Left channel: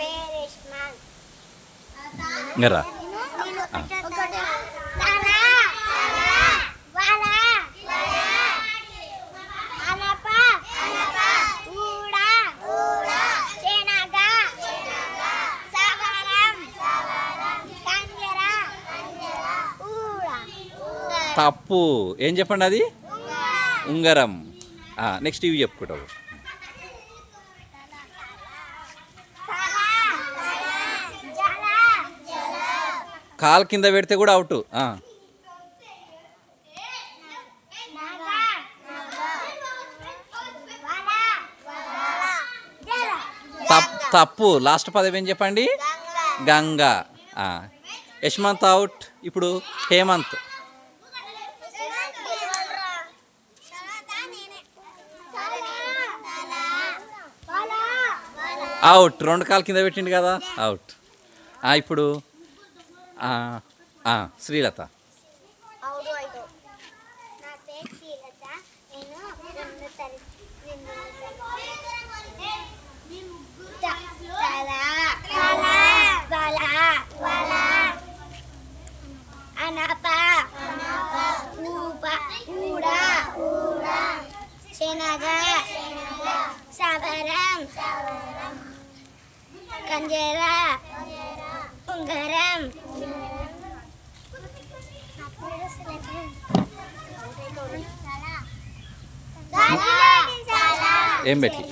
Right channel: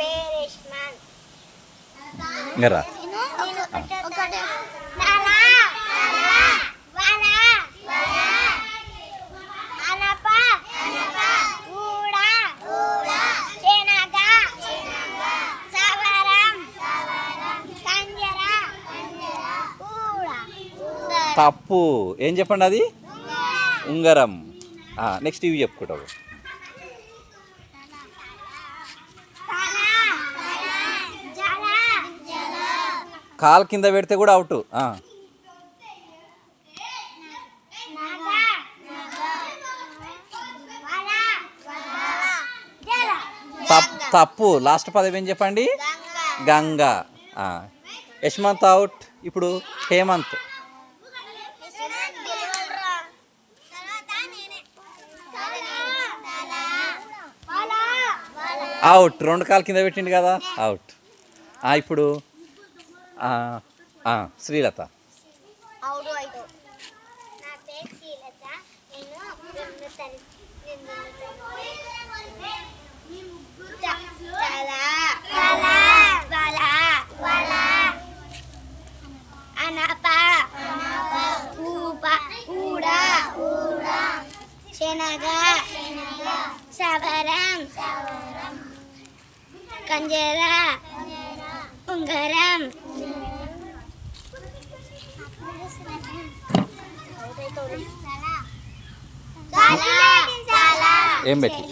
పేరు ఇస్మాన్. ఇంకా రా. తప్పు. ఏం చెప్పండి అది? ఉంగరం. నెక్స్ట్ ఇవి చెప్పుకుంటావు. కాలు కింద పెడితే కూడా అవుట్. తప్పు. లాస్ట్ పదం ఏం చెప్పండి? గంగా. యశ్మంత్ అవుట్. ఇప్పుడు హేమంత్. అవుట్. 2 కాలు కింద పెట్టిండు కదా, అవుట్. ఇప్పుడు శ్రీలత. శనగా, సవరం, కంజర, ఉంగరం. ఏం పెట్టి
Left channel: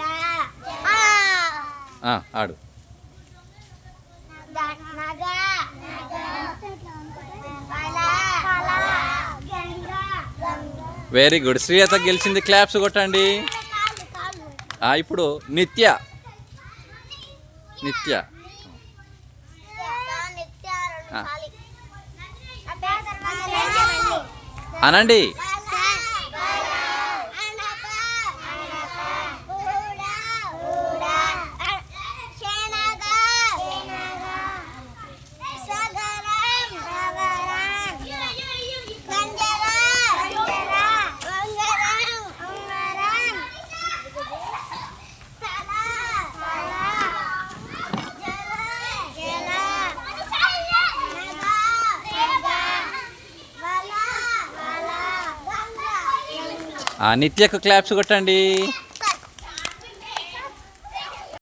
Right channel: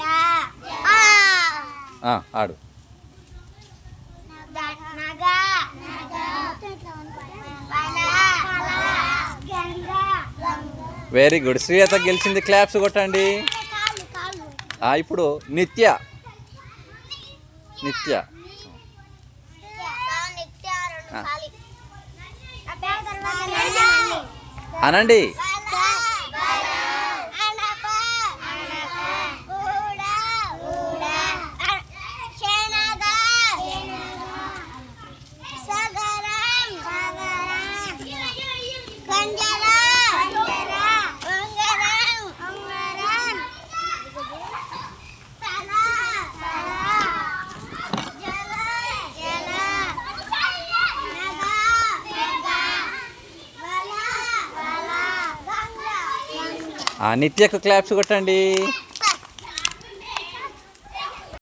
ఆడు. Very good. శ్రీలత గెలిచింది. క్లాప్స్ కొట్టండి. ఇప్పుడు నిత్య. నిత్య అనండి. నిత్యకు క్లాప్స్ కొట్టండి.